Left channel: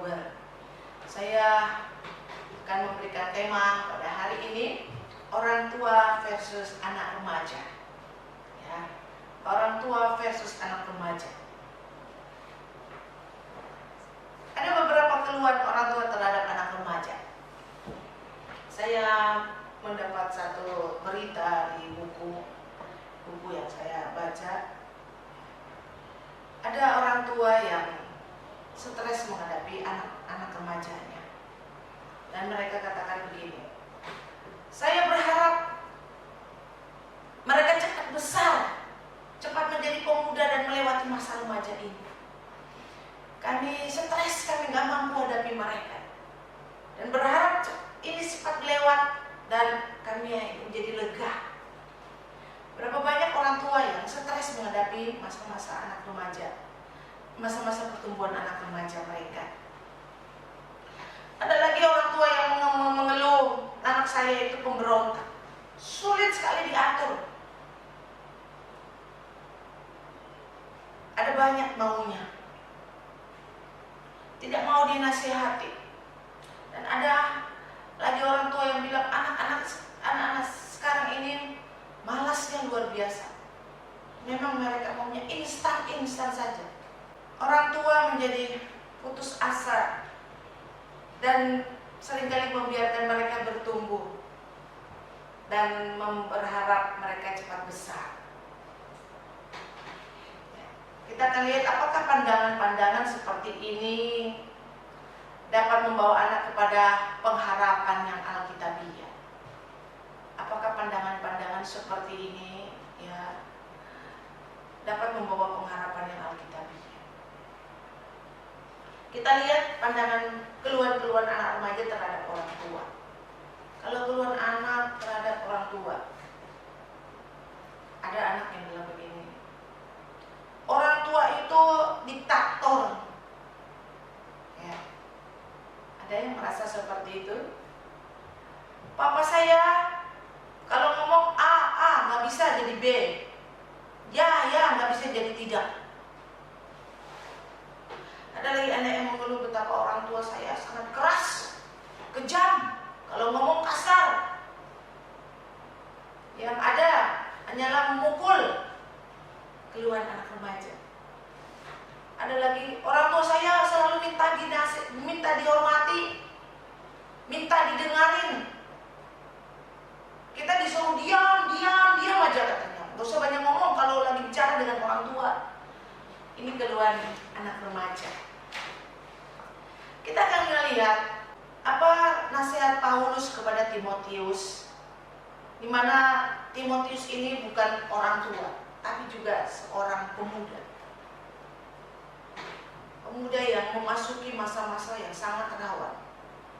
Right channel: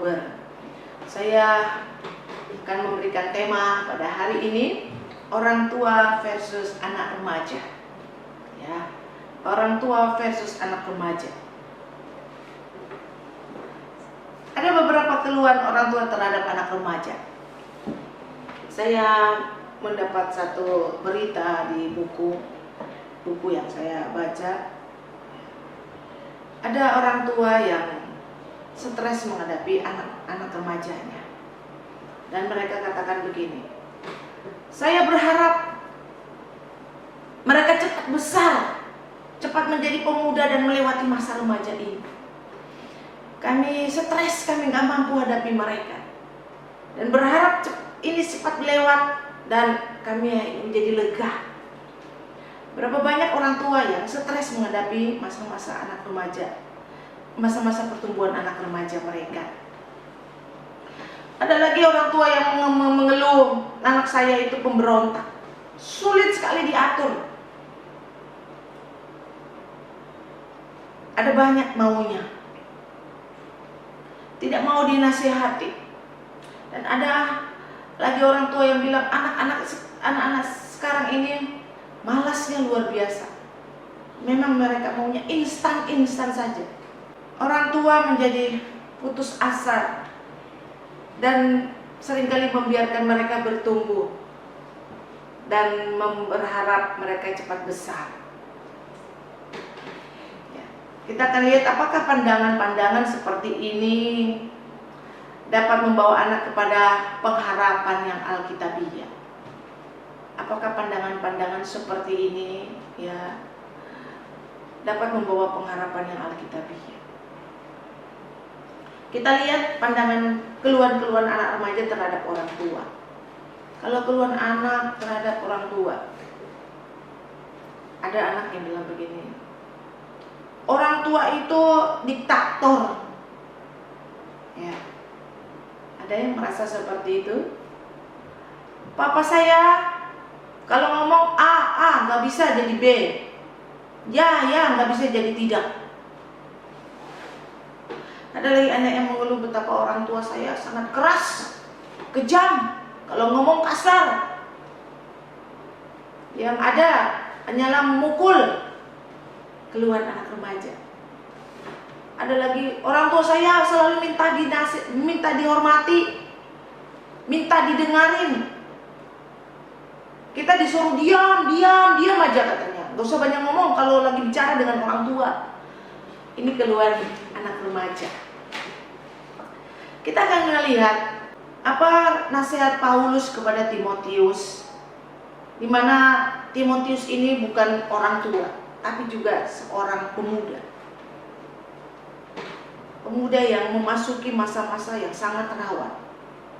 Oktober. Saya akan memberikan tema pada hari ini, orang tua versus anak remaja. Ya, orang tua versus anak remaja. Ada beberapa keluhan orang tua terhadap anak remaja. Saya mendapat satu berita di buku yang saya baca. Ada orang tua yang stres menghadapi anak-anak remajanya. Dan mereka katakan begini, saya berharap mereka cepat besar, cepat menjadi pemuda dan melewati masa remaja ini. Kami stres, kami gak mampu hadapi mereka. Dan berharap ini cepat lewat dan kami menjadi lega. Berapa banyak orang tua yang stres menghadapi masa-masa anak remaja, masa-masa pertumbuhan anak remaja mereka. Ada lagi orang tua yang mengeluh, anak saya itu pemberontak, sulit sekali diatur. Ada banyak maunya, tidak mau dinasihati. Dan ada lagi orang tua yang bilang anak-anak sekarang ini malasnya luar biasa. Memang mereka maunya instan saja. Orang tua menjadi putus asa dan seringkali membiarkan mereka bertumbuh dan berharap mereka cepat besar. Ya, kita akan lihat apakah pandangan-pandangan seperti ini dapat membawa anak kepada pengharapan yang alkitabiah. Apakah pandangan-pandangan seperti ini ya dapat membawa pengharapan yang alkitabiah? Kita lihat pandangan keluhan-keluhan anak remaja terhadap orang tua. Kalau keluhan anak terhadap orang tua, ada anak yang bilang begini, orang tua itu diktator. Ya, ada yang merasa seperti itu. Papa saya kalau ngomong A nggak bisa jadi B, ya nggak bisa jadi tidak. Ada lagi anak yang mengeluh betapa orang tua saya sangat keras, kejam, kalau ngomong kasar. Yang ada hanyalah memukul. Keluhan anak remaja. Ada lagi orang tua saya selalu minta dihormati, minta didengarin. Kita disuruh diam aja katanya. Gak usah banyak ngomong kalau lagi bicara dengan orang tua. Ini keluhan anak remaja. Kita akan melihat apa nasihat Paulus kepada Timotius, di mana Timotius ini bukan orang tua, tapi juga seorang pemuda. Pemuda yang memasuki masa-masa yang sangat rawan.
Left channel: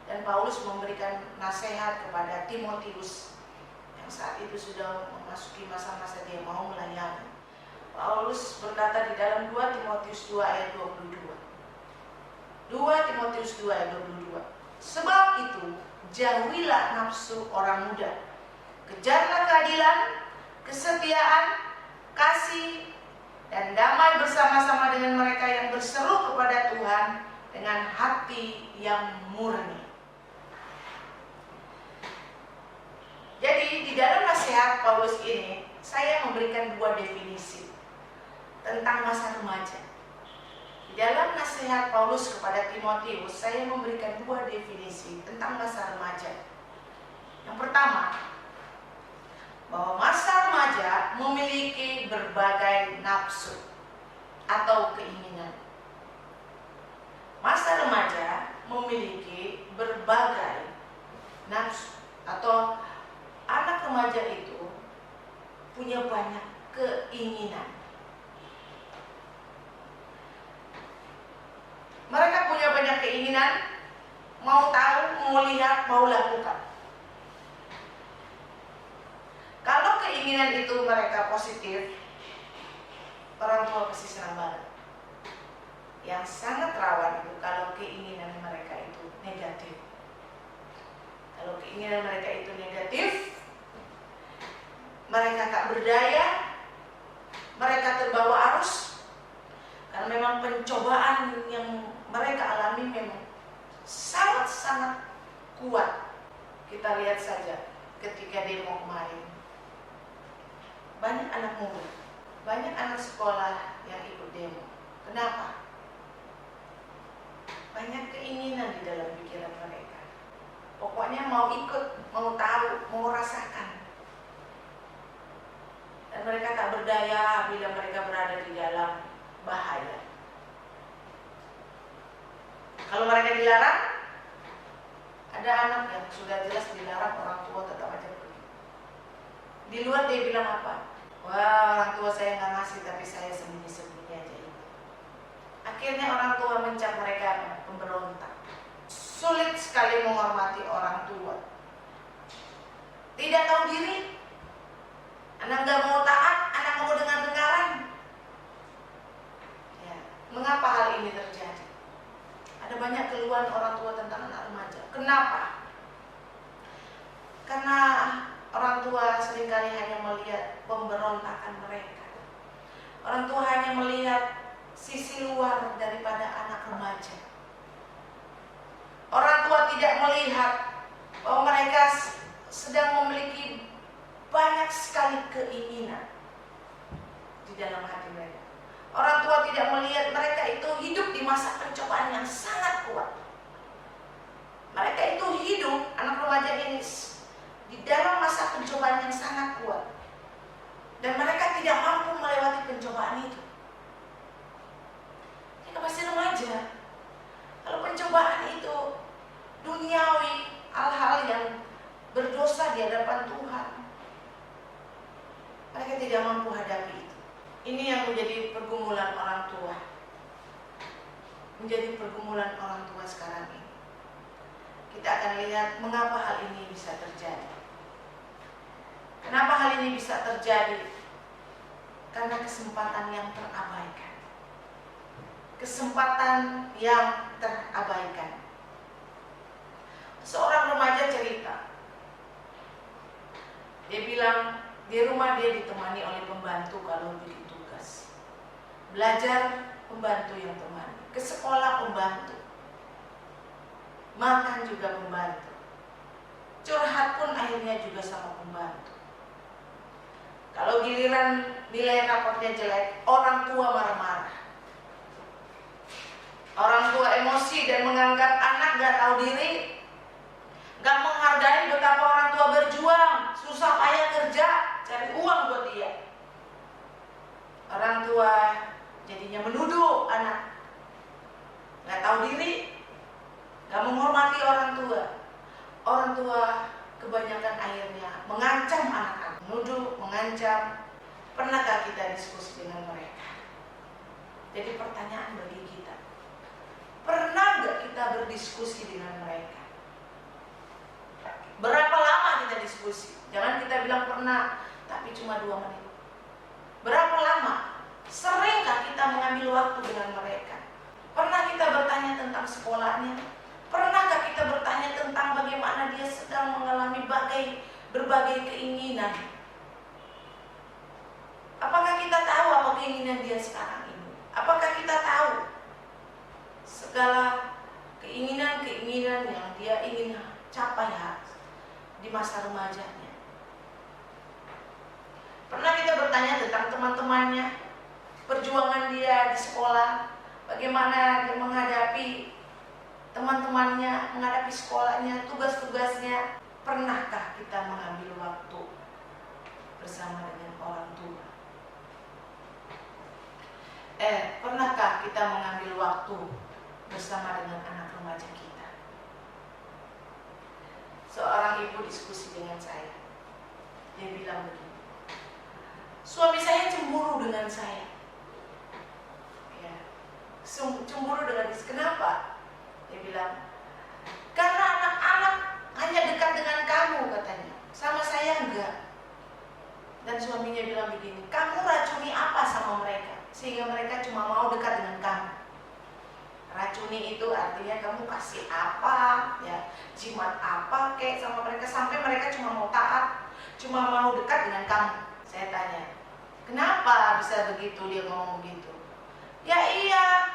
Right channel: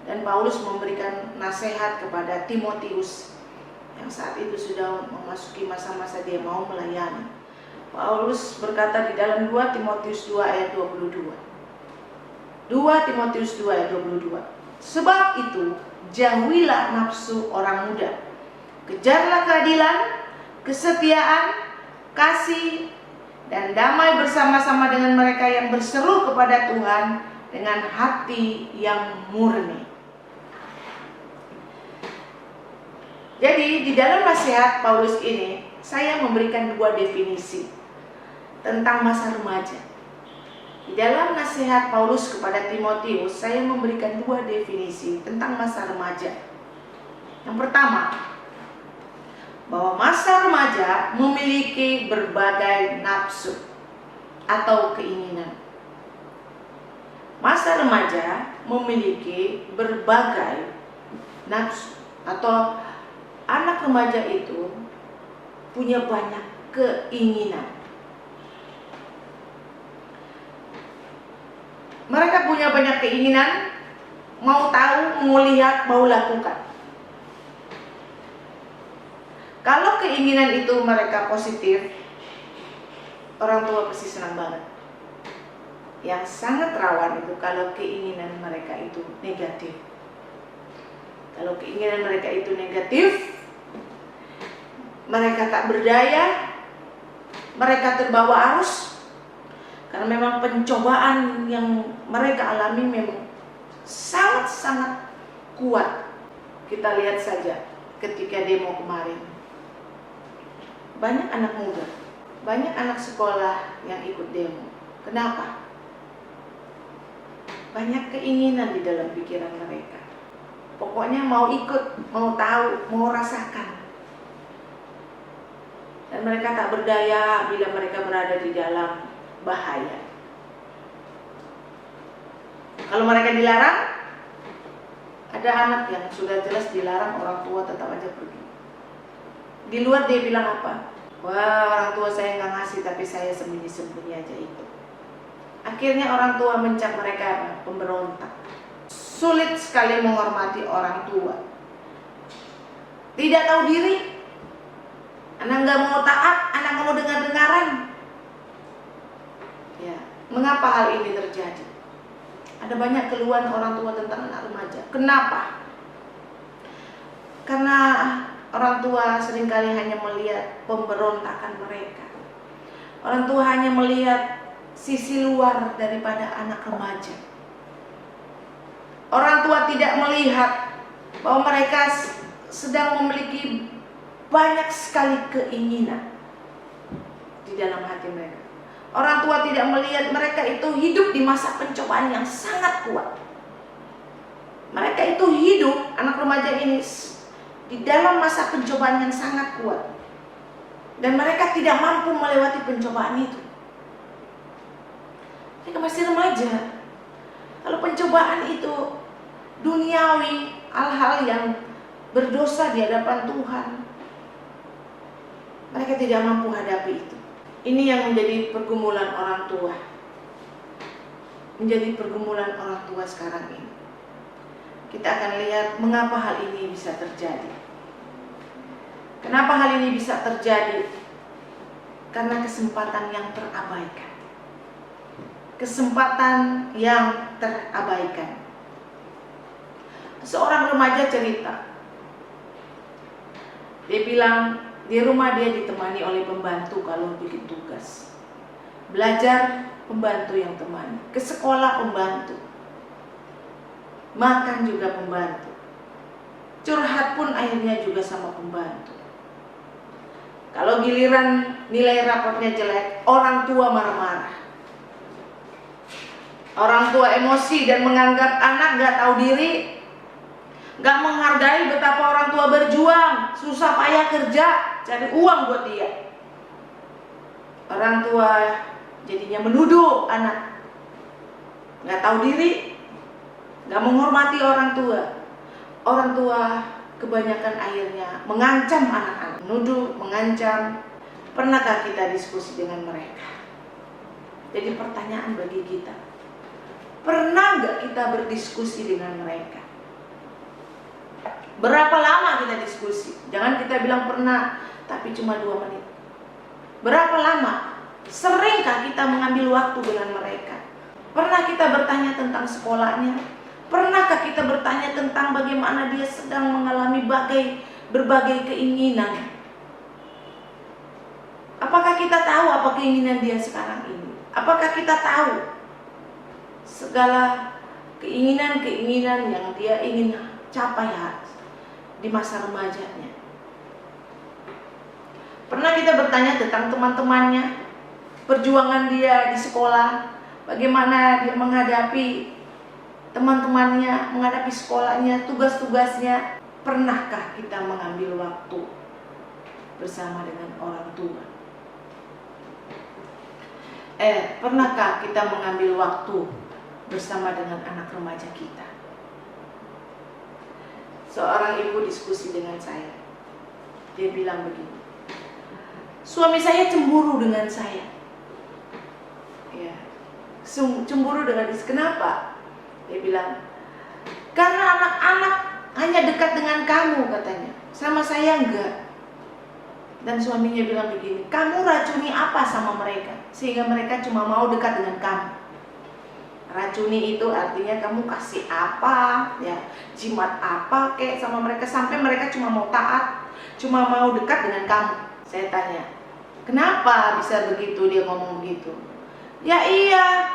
Dan Paulus memberikan nasihat kepada Timotius yang saat itu sudah memasuki masa-masa dia mau melayani. Paulus berkata di dalam 2 Timotius 2 ayat 22. 2 Timotius 2 ayat 22. Sebab itu jauhilah nafsu orang muda. Kejarlah keadilan, kesetiaan, kasih, dan damai bersama-sama dengan mereka yang berseru kepada Tuhan dengan hati yang murni. Jadi di dalam nasihat Paulus ini saya memberikan 2 definisi tentang masa remaja. Di dalam nasihat Paulus kepada Timotius, saya memberikan 2 definisi tentang masa remaja. Yang pertama, bahwa masa remaja memiliki berbagai nafsu atau keinginan. Masa remaja memiliki berbagai nafsu atau anak remaja itu punya banyak keinginan. Mereka punya banyak keinginan, mau tahu, mau lihat, mau lakukan. Kalau keinginan itu mereka positif, orang tua pasti senang banget. Yang sangat rawan itu kalau keinginan mereka itu negatif. Kalau keinginan mereka itu negatif, mereka tak berdaya, mereka terbawa arus. Karena memang pencobaan yang mereka alami memang sangat-sangat kuat. Kita lihat saja ketika demo kemarin. Banyak anak muda, banyak anak sekolah yang ikut demo. Kenapa? Banyak keinginan di dalam pikiran mereka. Pokoknya mau ikut, mau tahu, mau rasakan. Dan mereka tak berdaya bila mereka berada di dalam bahaya. Kalau mereka dilarang, ada anak yang sudah jelas dilarang, orang tua tetap aja pergi. Di luar dia bilang apa? Wah, orang tua saya nggak ngasih, tapi saya sembunyi-sembunyi aja ikut. Akhirnya orang tua mencap mereka apa? Pemberontak. Sulit sekali menghormati orang tua. Tidak tahu diri. Anak nggak mau taat, anak nggak mau dengar-dengaran. Ya, mengapa hal ini terjadi? Ada banyak keluhan orang tua tentang anak remaja. Kenapa? Karena orang tua seringkali hanya melihat pemberontakan mereka. Orang tua hanya melihat sisi luar daripada anak remaja. Orang tua tidak melihat bahwa mereka sedang memiliki banyak sekali keinginan di dalam hati mereka. Orang tua tidak melihat mereka itu hidup di masa pencobaan yang sangat kuat. Mereka itu hidup, anak remaja ini, di dalam masa pencobaan yang sangat kuat. Dan mereka tidak mampu melewati pencobaan itu. Mereka masih remaja. Kalau pencobaan itu duniawi, hal-hal yang berdosa di hadapan Tuhan, mereka tidak mampu hadapi itu. Ini yang menjadi pergumulan orang tua. Menjadi pergumulan orang tua sekarang ini. Kita akan lihat mengapa hal ini bisa terjadi. Kenapa hal ini bisa terjadi? Karena kesempatan yang terabaikan. Kesempatan yang terabaikan. Seorang remaja cerita. Dia bilang, di rumah dia ditemani oleh pembantu kalau bikin tugas. Belajar, pembantu yang temani. Ke sekolah, pembantu. Makan juga pembantu. Curhat pun akhirnya juga sama pembantu. Kalau giliran nilai raportnya jelek, orang tua marah-marah. Orang tua emosi dan menganggap anak gak tahu diri, gak menghargai betapa orang tua berjuang, susah payah kerja, cari uang buat dia. Orang tua jadinya menuduh anak, gak tahu diri, gak menghormati orang tua. Orang tua kebanyakan akhirnya mengancam anak-anak, menuduh, mengancam. Pernahkah kita diskusi dengan mereka? Jadi pertanyaan bagi kita, pernah gak kita berdiskusi dengan mereka? Berapa lama kita diskusi? Jangan kita bilang pernah, tapi cuma 2 menit. Berapa lama? Seringkah kita mengambil waktu dengan mereka? Pernah kita bertanya tentang sekolahnya? Pernahkah kita bertanya tentang bagaimana dia sedang mengalami berbagai keinginan? Apakah kita tahu apa keinginan dia sekarang ini? Apakah kita tahu segala keinginan-keinginan yang dia ingin capai di masa remajanya? Pernah kita bertanya tentang teman-temannya, perjuangan dia di sekolah, bagaimana dia menghadapi teman-temannya, menghadapi sekolahnya, tugas-tugasnya? Pernahkah kita mengambil waktu bersama dengan orang tua? Pernahkah kita mengambil waktu bersama dengan anak remaja kita? Seorang ibu diskusi dengan saya. Dia bilang begini, suami saya cemburu dengan saya. Ya, cemburu dengan saya. Kenapa? Dia bilang, karena anak-anak hanya dekat dengan kamu katanya, sama saya enggak. Dan suaminya bilang begini, kamu racuni apa sama mereka sehingga mereka cuma mau dekat dengan kamu? Racuni itu artinya kamu kasih apa, ya, jimat apa kek sama mereka sampai mereka cuma mau taat, cuma mau dekat dengan kamu. Saya tanya, kenapa bisa begitu? Dia ngomong begitu. Ya iya,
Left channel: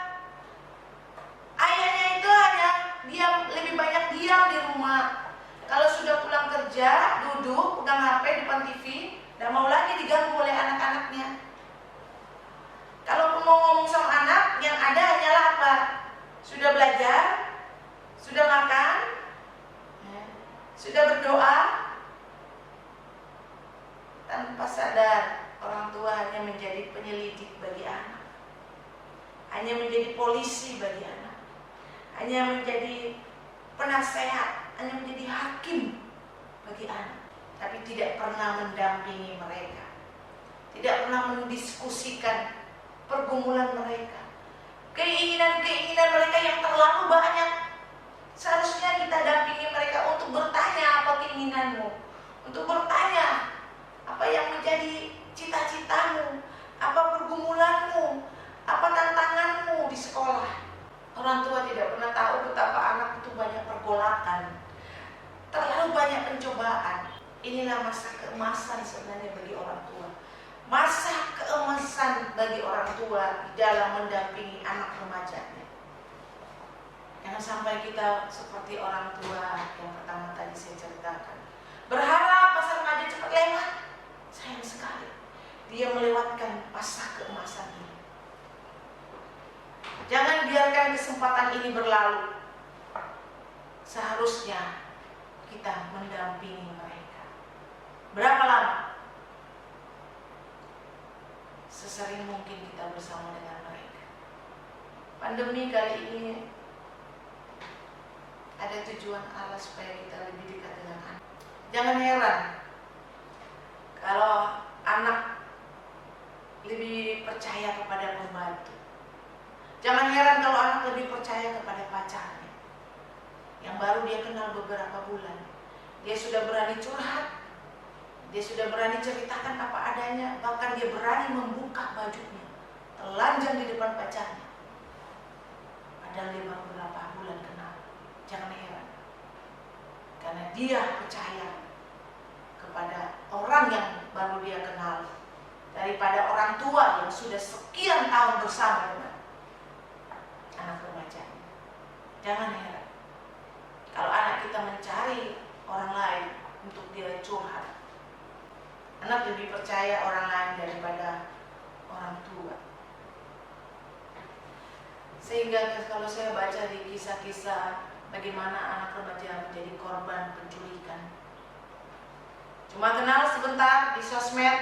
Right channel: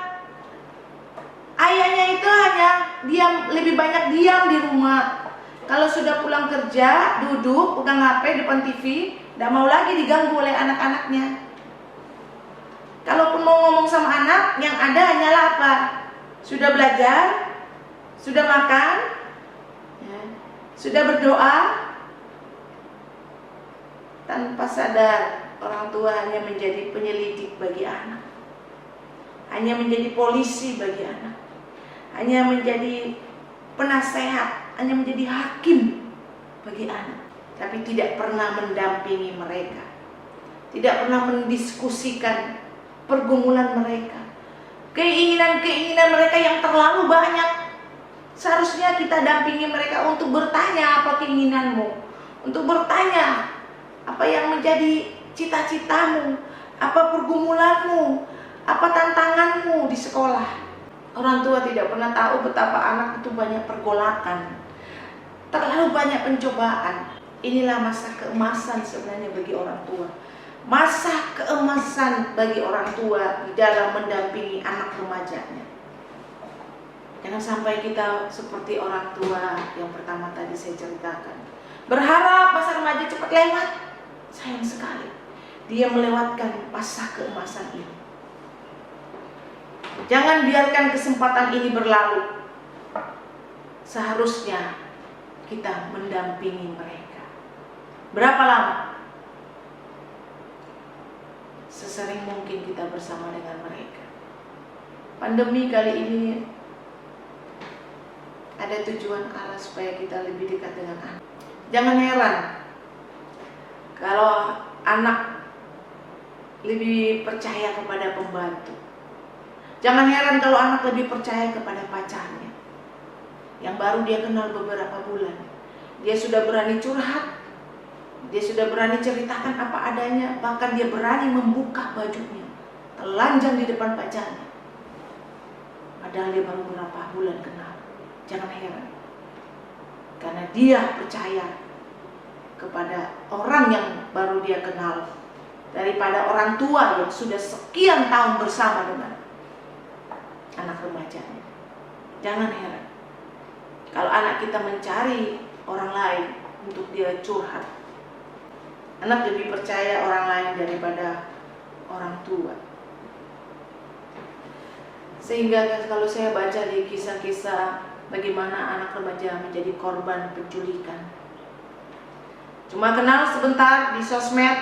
ayahnya itu hanya diam, lebih banyak diam di rumah. Kalau sudah pulang kerja, duduk, udah ngapain depan TV, tidak mau lagi diganggu oleh anak-anaknya. Kalaupun mau ngomong sama anak, yang ada hanyalah apa? Sudah belajar, sudah makan, ya, sudah berdoa. Tanpa sadar, orang tua hanya menjadi penyelidik bagi anak, hanya menjadi polisi bagi anak, hanya menjadi penasehat, hanya menjadi hakim bagi anak, tapi tidak pernah mendampingi mereka, tidak pernah mendiskusikan pergumulan mereka, keinginan-keinginan mereka yang terlalu banyak. Seharusnya kita dampingi mereka untuk bertanya, apa keinginanmu, untuk bertanya apa yang menjadi cita-citamu, apa pergumulanmu, apa tantanganmu di sekolah. Orang tua tidak pernah tahu betapa anak itu banyak pergolakan, terlalu banyak pencobaan. Inilah masa keemasan sebenarnya bagi orang tua. Masa keemasan bagi orang tua di dalam mendampingi anak remajanya. Jangan sampai kita seperti orang tua yang pertama tadi saya ceritakan, berharap masa remaja cepat lewat. Sayang sekali, dia melewatkan masa keemasan ini. Jangan biarkan kesempatan ini berlalu. Seharusnya kita mendampingi mereka. Berapa lama? Sesering mungkin kita bersama dengan mereka. Pandemi kali ini ada tujuan Allah supaya kita lebih dekat dengan anak. Jangan heran kalau anak lebih percaya kepada pembantu. Jangan heran kalau anak lebih percaya kepada pacarnya yang baru dia kenal beberapa bulan. Dia sudah berani curhat, dia sudah berani ceritakan apa adanya, bahkan dia berani membuka bajunya, telanjang di depan pacarnya. Padahal dia baru beberapa bulan kenal. Jangan heran, karena dia percaya kepada orang yang baru dia kenal daripada orang tua yang sudah sekian tahun bersama dengan anak remajanya. Jangan heran kalau anak kita mencari orang lain untuk dia curhat. Anak lebih percaya orang lain daripada orang tua. Sehingga kalau saya baca di kisah-kisah bagaimana anak remaja menjadi korban penculikan, cuma kenal sebentar di sosmed,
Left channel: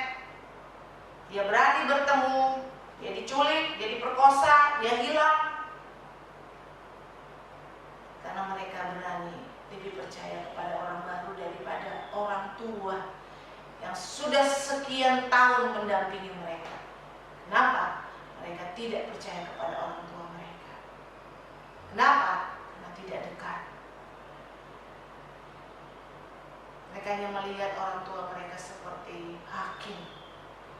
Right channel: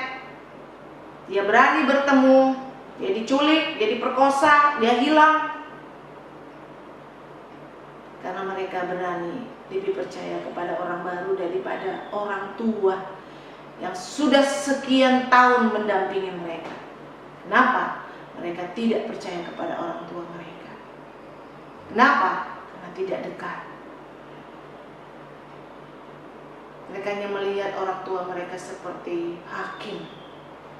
dia berani bertemu, dia diculik, dia diperkosa, dia hilang. Karena mereka berani lebih percaya kepada orang baru daripada orang tua yang sudah sekian tahun mendampingi mereka. Kenapa? Mereka tidak percaya kepada orang tua mereka. Kenapa? Karena tidak dekat. Mereka hanya melihat orang tua mereka seperti hakim,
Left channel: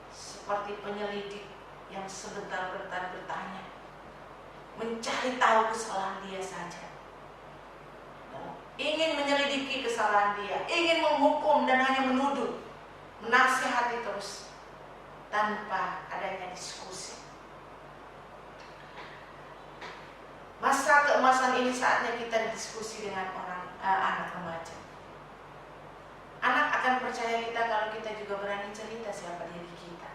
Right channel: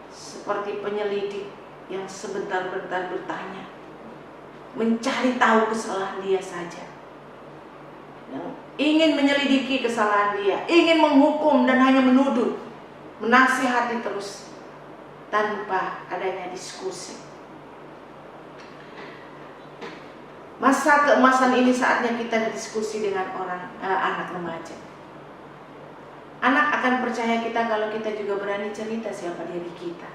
seperti penyelidik yang sebentar-bentar bertanya, mencari tahu kesalahan dia saja, yang ingin menyelidiki kesalahan dia, ingin menghukum dan hanya menuduh, menasihati terus tanpa adanya diskusi. Masa keemasan ini saatnya kita diskusi dengan anak remaja. Anak akan percaya kita kalau kita juga berani cerita siapa diri kita.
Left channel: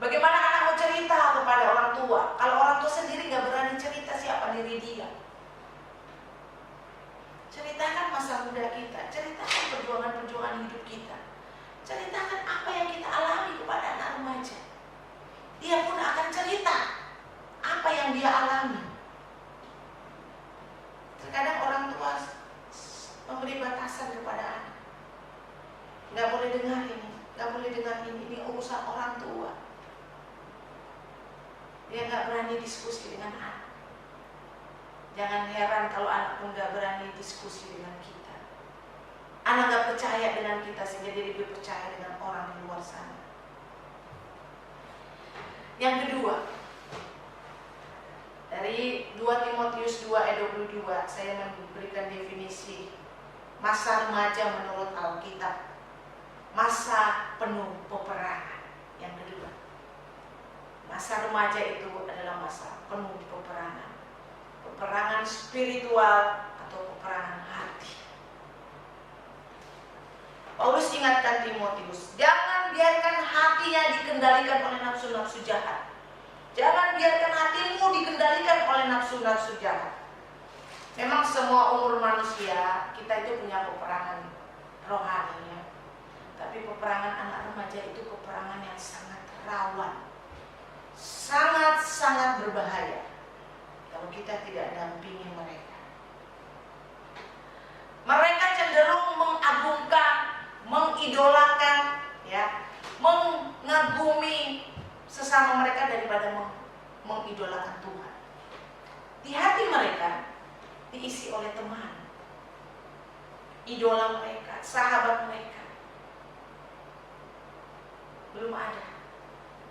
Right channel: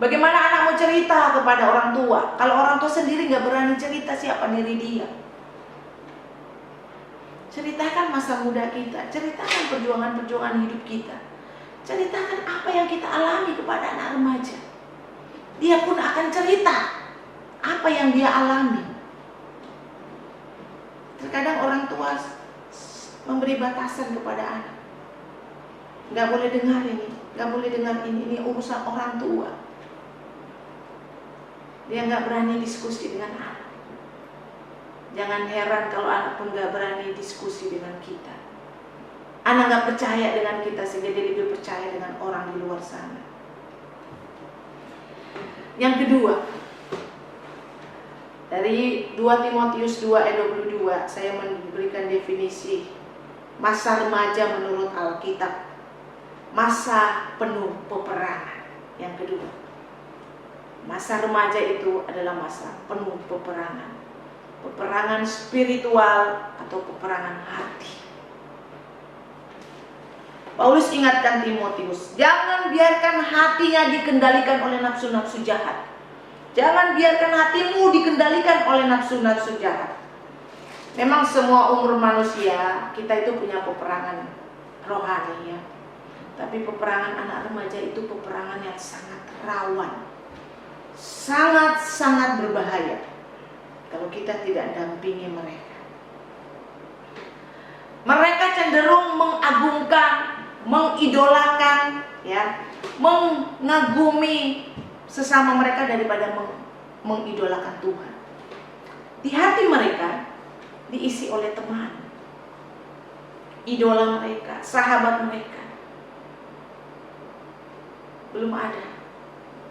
Bagaimana anak mau cerita kepada orang tua kalau orang tua sendiri nggak berani cerita siapa diri dia? Ceritakan masa muda kita, ceritakan perjuangan-perjuangan hidup kita, ceritakan apa yang kita alami kepada anak remaja. Dia pun akan cerita apa yang dia alami. Terkadang orang tua memberi batasan kepada anak. Nggak boleh dengar ini, nggak boleh dengar ini urusan orang tua. Dia nggak berani diskusi dengan anak. Jangan heran kalau anak pun nggak berani diskusi dengan kita. Anak nggak percaya dengan kita sehingga dia lebih percaya dengan orang di luar sana. Yang kedua, dari 2 Timotius 2 ayat 22 saya memberikan definisi masa remaja menurut Alkitab. Masa penuh peperangan. Yang kedua, masa remaja itu adalah masa penuh peperangan. peperangan spiritual atau peperangan hati. Paulus ingatkan Timotius, jangan biarkan hatinya dikendalikan oleh nafsu-nafsu jahat. Jangan biarkan hatimu dikendalikan oleh nafsu-nafsu jahat. Memang semua umur manusia kita itu punya peperangan rohani ya. Tapi peperangan anak remaja itu peperangan yang sangat rawan. Sangat-sangat berbahaya kalau kita tidak dampingi mereka. Mereka cenderung mengagungkan, mengidolakan ya, mengagumi sesama mereka daripada mengidolakan Tuhan. Di hati mereka diisi oleh teman, idola mereka, sahabat mereka. Belum ada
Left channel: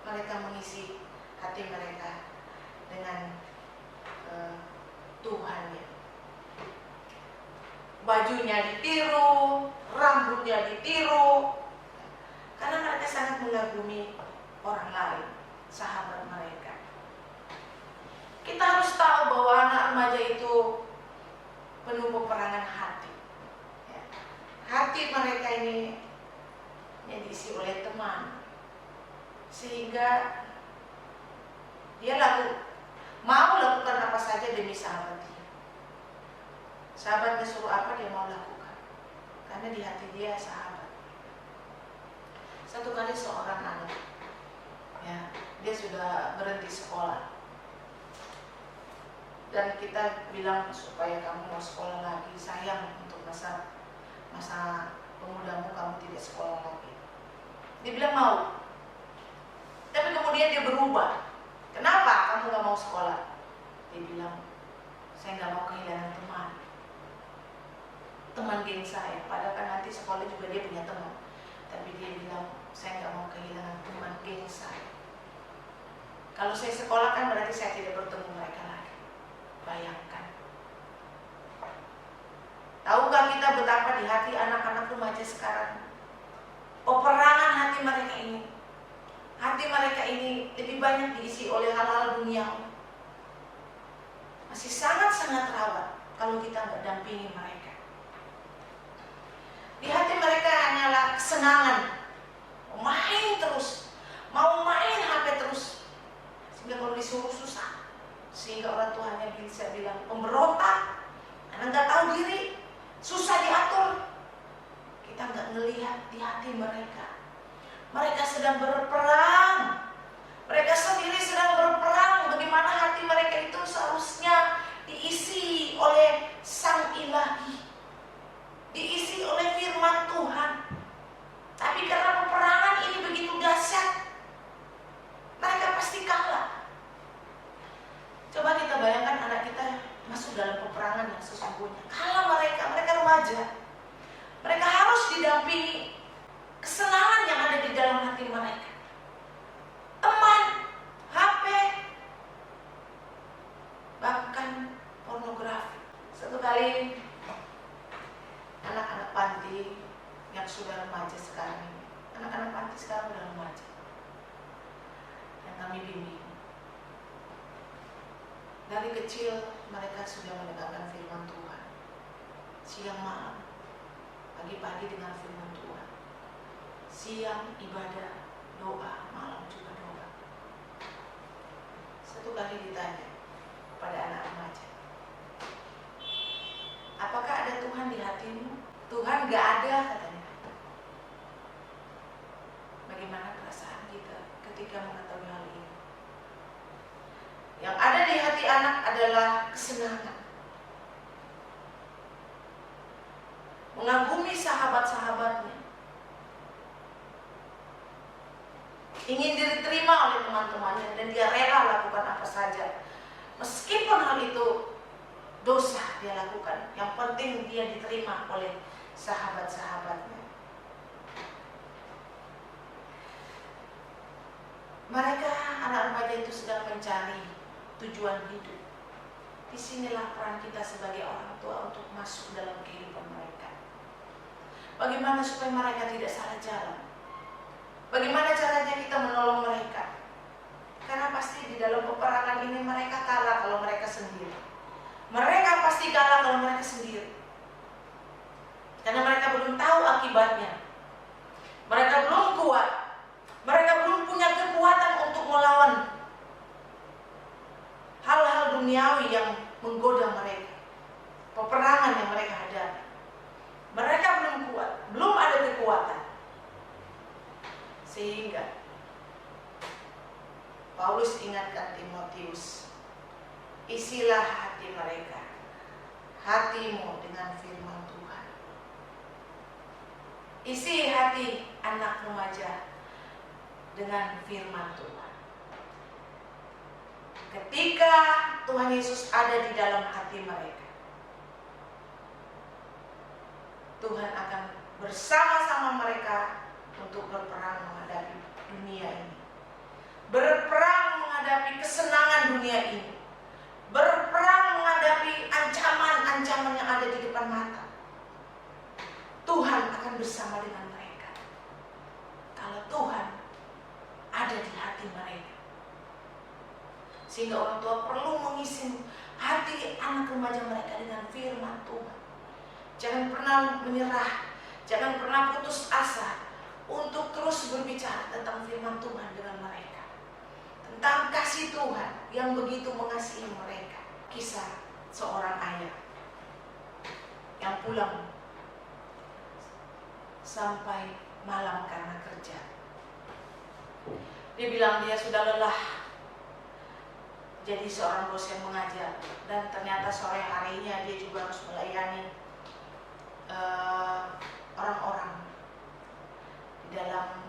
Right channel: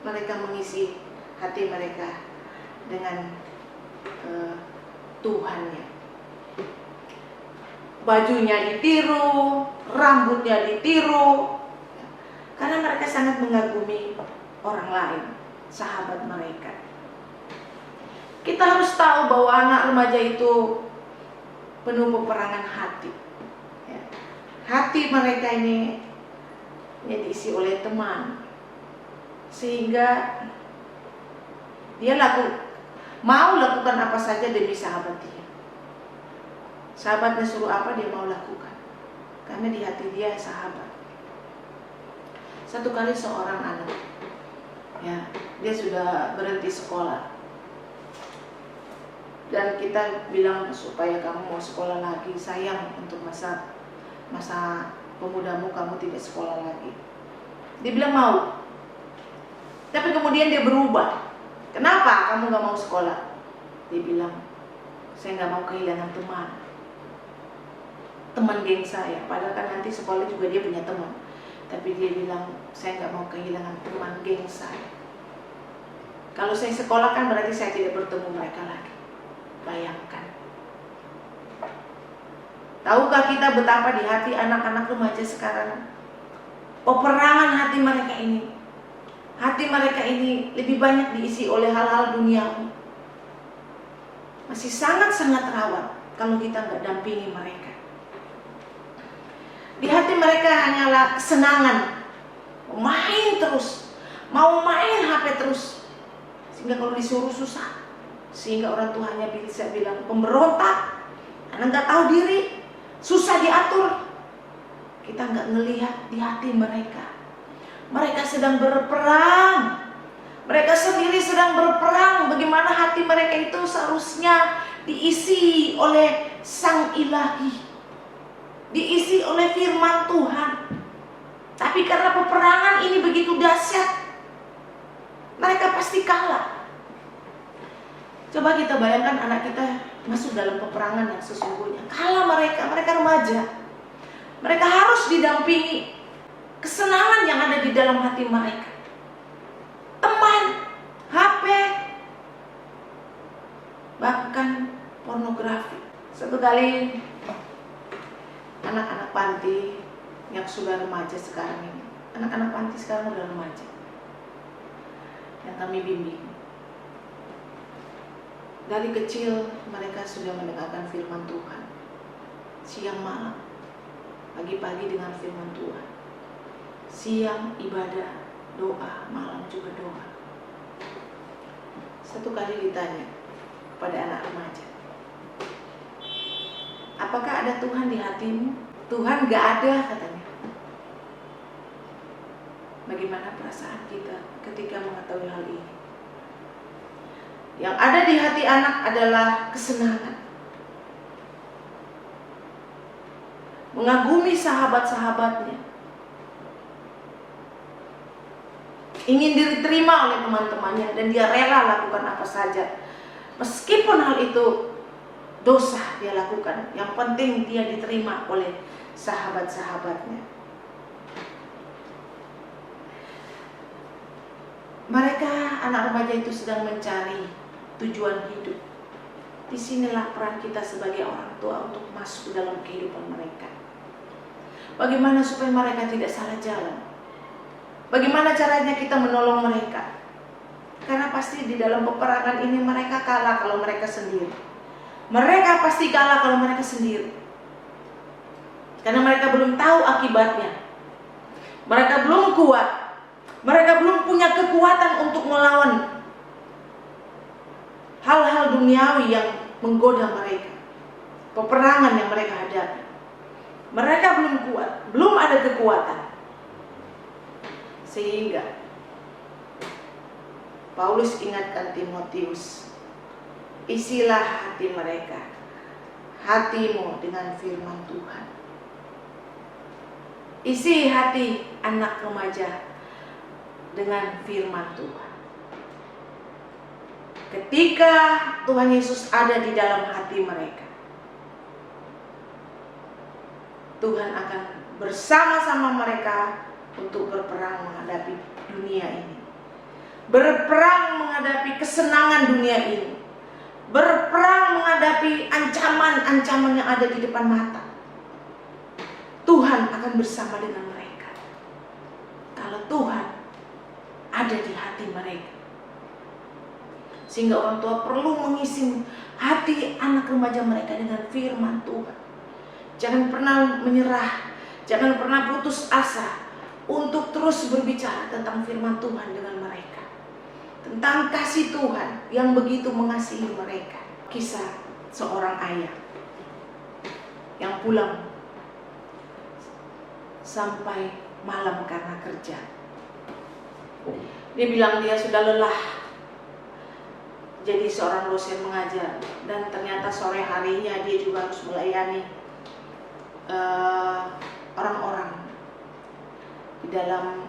mereka mengisi hati mereka dengan Tuhannya. Bajunya ditiru, rambutnya ditiru, karena mereka sangat mengagumi orang lain, sahabat mereka. Kita harus tahu bahwa anak remaja itu penuh peperangan hati ya. Hati mereka ini diisi oleh teman, sehingga dia mau lakukan apa saja demi sahabat dia. Sahabatnya suruh apa dia mau lakukan, karena di hati dia sahabat. Satu kali seorang anak ya, dia sudah berhenti sekolah, dan kita bilang supaya kamu mau sekolah lagi, sayang untuk masa pemudamu kamu tidak sekolah lagi. Dia bilang mau, tapi kemudian dia berubah. Kenapa kamu gak mau sekolah? Dia bilang, saya gak mau kehilangan teman geng saya. Padahal kan nanti sekolah juga dia punya teman, tapi dia bilang, saya gak mau kehilangan teman geng saya. Kalau saya sekolah kan berarti saya tidak bertemu mereka lagi. Bayangkan. Tahukah kita betapa di hati anak-anak remaja sekarang, peperangan hati mereka ini, hati mereka ini lebih banyak diisi oleh hal-hal duniawi. Masih sangat-sangat rawan kalau kita nggak dampingi mereka. Di hati mereka hanyalah kesenangan, main terus, mau main HP terus, sehingga kalau disuruh susah. Sehingga orang tuanya bisa bilang pemberontak, anak nggak tahu diri, susah diatur. Kita nggak ngelihat di hati mereka. Mereka sedang berperang. Mereka sendiri sedang berperang. Bagaimana hati mereka itu seharusnya diisi oleh Sang Ilahi, diisi oleh firman Tuhan. Tapi karena peperangan ini begitu dahsyat, mereka pasti kalah. Coba kita bayangkan anak kita masuk dalam peperangan yang sesungguhnya. Kalah mereka remaja. Mereka harus didampingi kesenangan yang ada di dalam hati mereka. Teman, HP, bahkan pornografi. Satu kali anak-anak panti yang sudah remaja sekarang ini, anak-anak panti sekarang udah remaja, yang kami bimbing, dari kecil mereka sudah mendengarkan firman Tuhan. Siang malam, pagi-pagi dengar firman Tuhan, siang ibadah, doa, malam juga doa. Satu kali ditanya kepada anak remaja, apakah ada Tuhan di hatimu? Tuhan gak ada, katanya. Bagaimana perasaan kita ketika mengetahui hal ini? Yang ada di hati anak adalah kesenangan, mengagumi sahabat-sahabatnya, ingin diterima oleh teman-temannya, dan dia rela lakukan apa saja. Meskipun hal itu dosa dia lakukan, yang penting dia diterima oleh sahabat-sahabatnya. Mereka, anak remaja itu sedang mencari tujuan hidup. Disinilah peran kita sebagai orang tua untuk masuk dalam kehidupan mereka. Bagaimana supaya mereka tidak salah jalan? Bagaimana caranya kita menolong mereka? Karena pasti di dalam peperangan ini mereka kalah kalau mereka sendiri. Mereka pasti kalah kalau mereka sendiri, karena mereka belum tahu akibatnya. Mereka belum kuat, mereka belum punya kekuatan untuk melawan hal-hal duniawi yang menggoda mereka, peperangan yang mereka hadapi. Mereka belum kuat, belum ada kekuatan. Sehingga Paulus ingatkan Timotius, isilah hati mereka, hatimu dengan firman Tuhan. Isi hati anak remaja dengan firman Tuhan. Ketika Tuhan Yesus ada di dalam hati mereka, Tuhan akan bersama-sama mereka untuk berperang menghadapi dunia ini, berperang menghadapi kesenangan dunia ini, berperang menghadapi ancaman-ancaman yang ada di depan mata. Tuhan akan bersama dengan mereka kalau Tuhan ada di hati mereka. Sehingga orang tua perlu mengisi hati anak remaja mereka dengan firman Tuhan. Jangan pernah menyerah, jangan pernah putus asa untuk terus berbicara tentang firman Tuhan dengan mereka, tentang kasih Tuhan yang begitu mengasihi mereka. Kisah seorang ayah yang pulang sampai malam karena kerja. Dia bilang dia sudah lelah jadi seorang dosen mengajar, dan ternyata sore harinya dia juga harus melayani orang-orang di dalam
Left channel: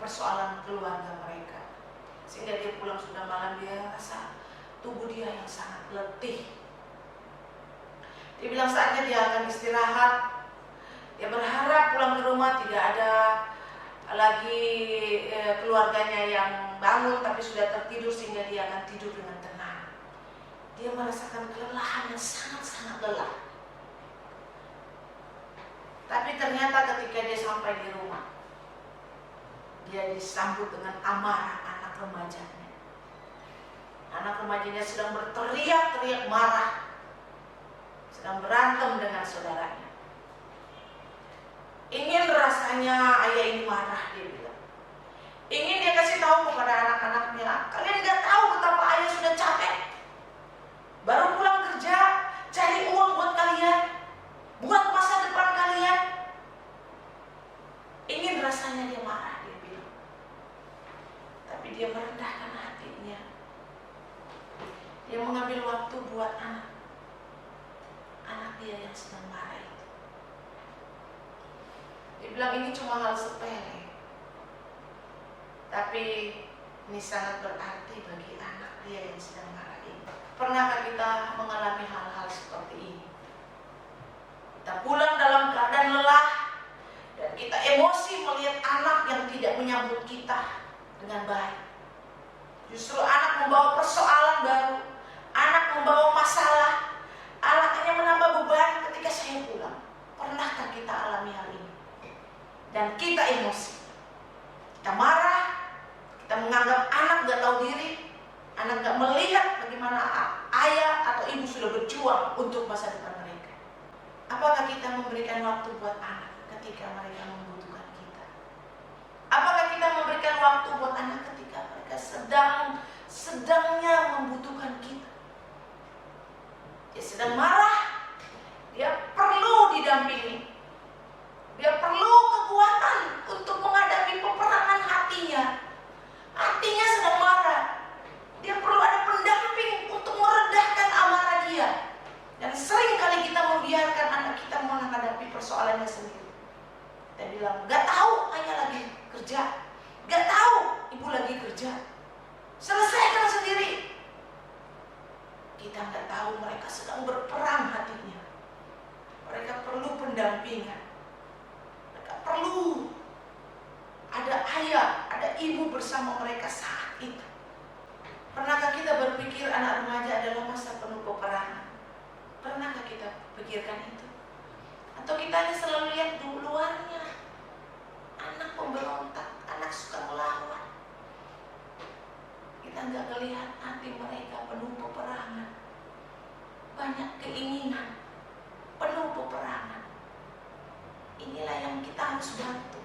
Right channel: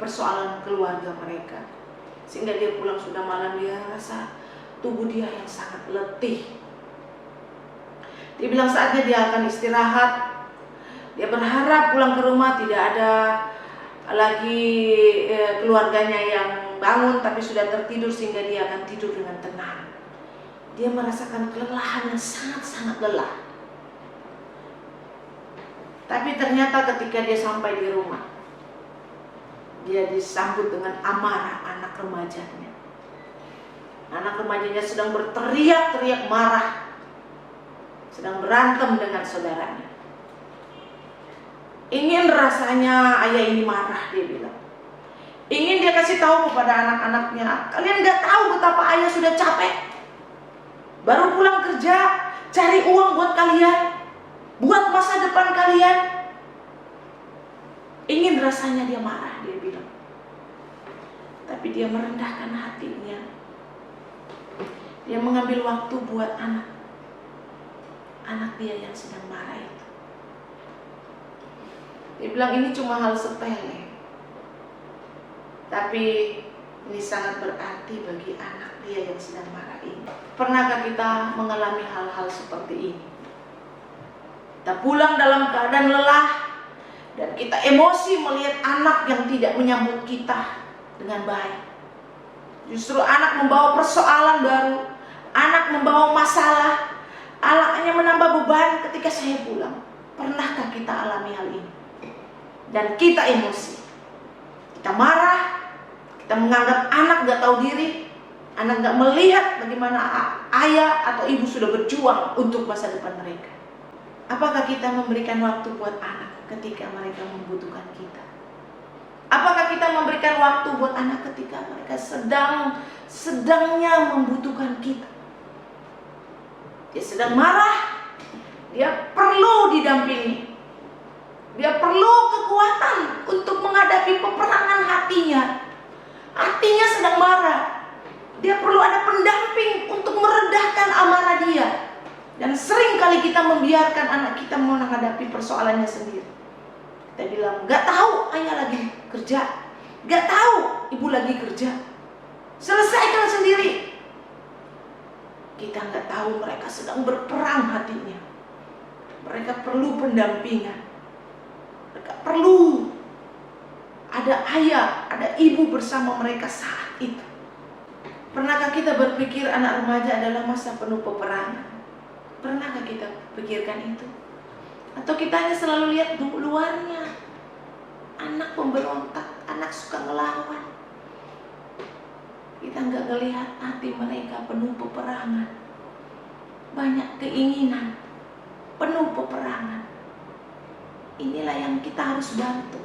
persoalan keluarga mereka. Sehingga dia pulang sudah malam, dia rasa tubuh dia yang sangat letih. Dia bilang saatnya dia akan istirahat. Dia berharap pulang ke rumah tidak ada lagi keluarganya yang bangun, tapi sudah tertidur, sehingga dia akan tidur dengan tenang. Dia merasakan kelelahan yang sangat-sangat lelah. Tapi ternyata ketika dia sampai di rumah, dia disambut dengan amarah anak remajanya. Anak remajanya sedang berteriak-teriak marah, sedang berantem dengan saudaranya. Ingin rasanya ayah ini marah, dia bilang. Ingin dia kasih tahu kepada anak-anaknya, kalian gak tahu betapa ayah sudah capek. Baru pulang kerja, cari uang buat kalian, buat masa depan kalian. Ingin rasanya dia marah, dia bilang. Tapi dia merendahkan hatinya. Dia mengambil waktu buat anak dia yang sedang marah itu. Dia bilang ini cuma hal sepele, tapi ini sangat berarti bagi anak dia yang sedang marah ini. Pernahkah kita mengalami hal-hal seperti ini? Kita pulang dalam keadaan lelah, dan kita emosi melihat anak yang tidak menyambut kita dengan baik. Justru anak membawa persoalan baru, anak membawa masalah, anaknya menambah beban ketika saya pulang. Pernahkah kita alami hal ini? Dan kita emosi, kita marah, kita menganggap anak gak tahu diri, anak gak melihat bagaimana ayah atau ibu sudah berjuang untuk masa depan mereka. Apakah kita memberikan waktu buat anak ketika mereka membutuhkan kita? Apakah kita memberikan waktu buat anak ketika mereka sedangnya membutuhkan kita? Dia sedang marah, dia perlu didampingi. Dia perlu kekuatan untuk menghadapi peperangan hatinya. Hatinya sedang marah. Dia perlu ada pendamping untuk meredahkan amarah dia. Dan sering kali kita membiarkan anak kita menghadapi persoalannya sendiri. Kita bilang, gak tahu ayah lagi kerja, gak tahu ibu lagi kerja, selesaikan sendiri. Kita gak tahu mereka sedang berperang hatinya. Mereka perlu pendampingan. Mereka perlu ada ayah, ada ibu bersama mereka saat itu. Pernahkah kita berpikir anak remaja adalah masa penuh peperangan? Pernahkah kita pikirkan itu? Atau kita hanya selalu lihat luarnya, anak pemberontak, anak suka ngelawan. Kita nggak ngelihat hati mereka penuh peperangan. banyak keinginan, penuh peperangan. Inilah yang kita harus bantu.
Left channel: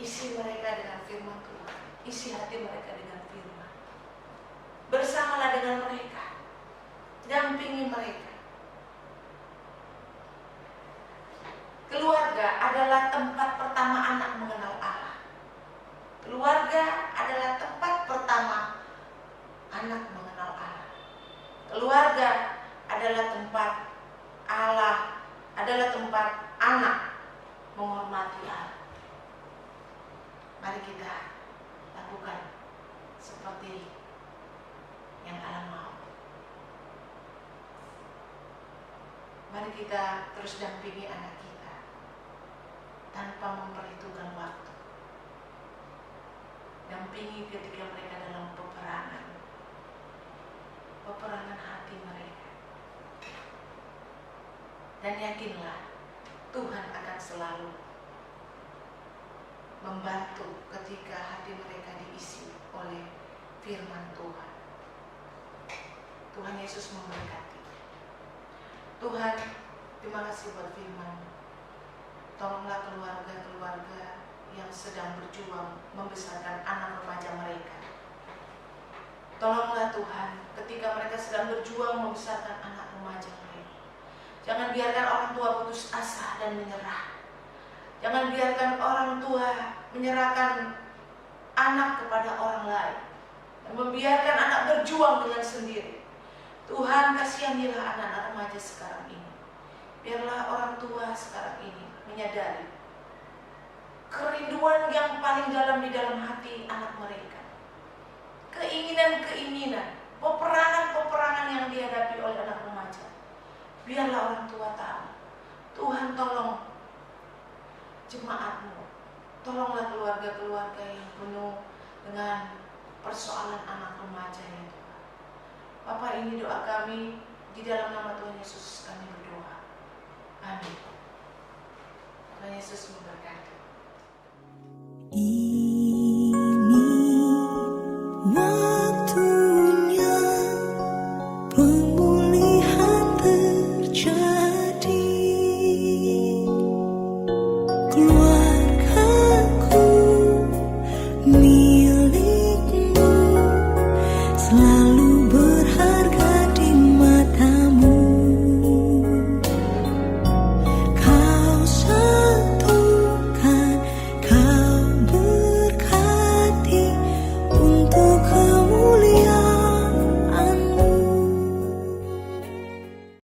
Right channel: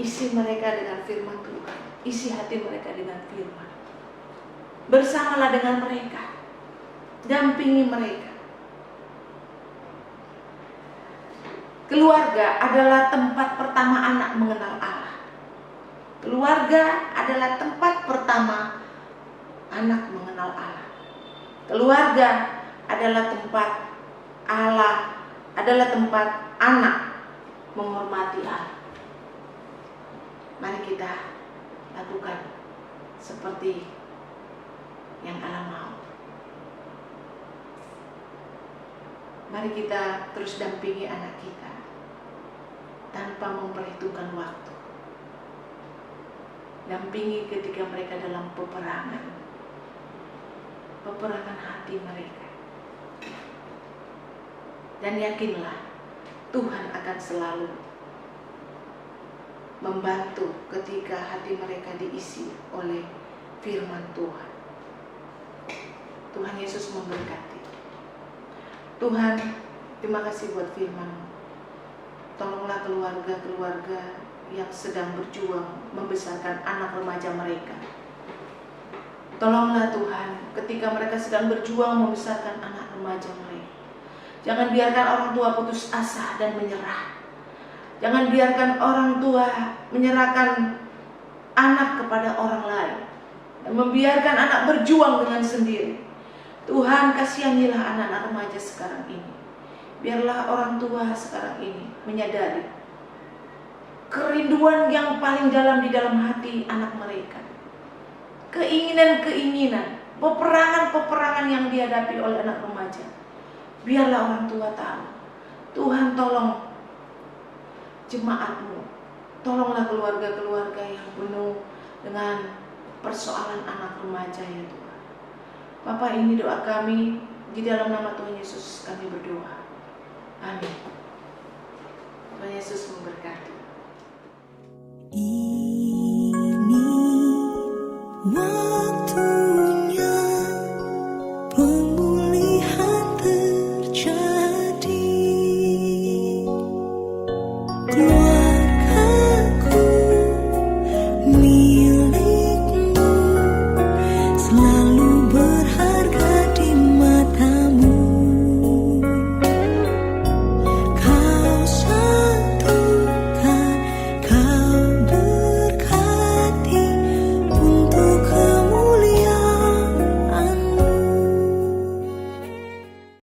Isi mereka dengan firman Tuhan, isi hati mereka dengan firman. Bersamalah dengan mereka, dampingi mereka. Keluarga adalah tempat pertama anak mengenal Allah. Keluarga adalah tempat pertama anak mengenal Allah. Keluarga adalah tempat Allah, adalah tempat anak menghormati Allah. Mari kita lakukan seperti yang Allah mau. Mari kita terus dampingi anak kita tanpa memperhitungkan waktu. Dampingi ketika mereka dalam peperangan hati mereka. Dan yakinlah Tuhan akan selalu membantu ketika hati mereka diisi oleh firman Tuhan. Tuhan Yesus memberkati. Tuhan, terima kasih buat firman-Mu. Tolonglah keluarga-keluarga yang sedang berjuang membesarkan anak remaja mereka. Tolonglah Tuhan, ketika mereka sedang berjuang membesarkan anak remaja mereka. Jangan biarkan orang tua putus asa dan menyerah. Jangan biarkan orang tua menyerahkan anak kepada orang lain dan membiarkan anak berjuang dengan sendiri. Tuhan, kasihanilah anak-anak remaja sekarang ini. Biarlah orang tua sekarang ini menyadari kerinduan yang paling dalam di dalam hati anak mereka. Keinginan-keinginan, peperangan-peperangan yang dihadapi oleh anak remaja. Biarlah orang tua tahu. Tuhan, tolong jemaat-Mu. Tolonglah keluarga-keluarga yang penuh dengan persoalan anak remaja ya Tuhan. Bapa, ini doa kami, di dalam nama Tuhan Yesus kami berdoa. Amin. Tuhan Yesus memberkati. Ini waktunya pemulihan terjadi. Keluargaku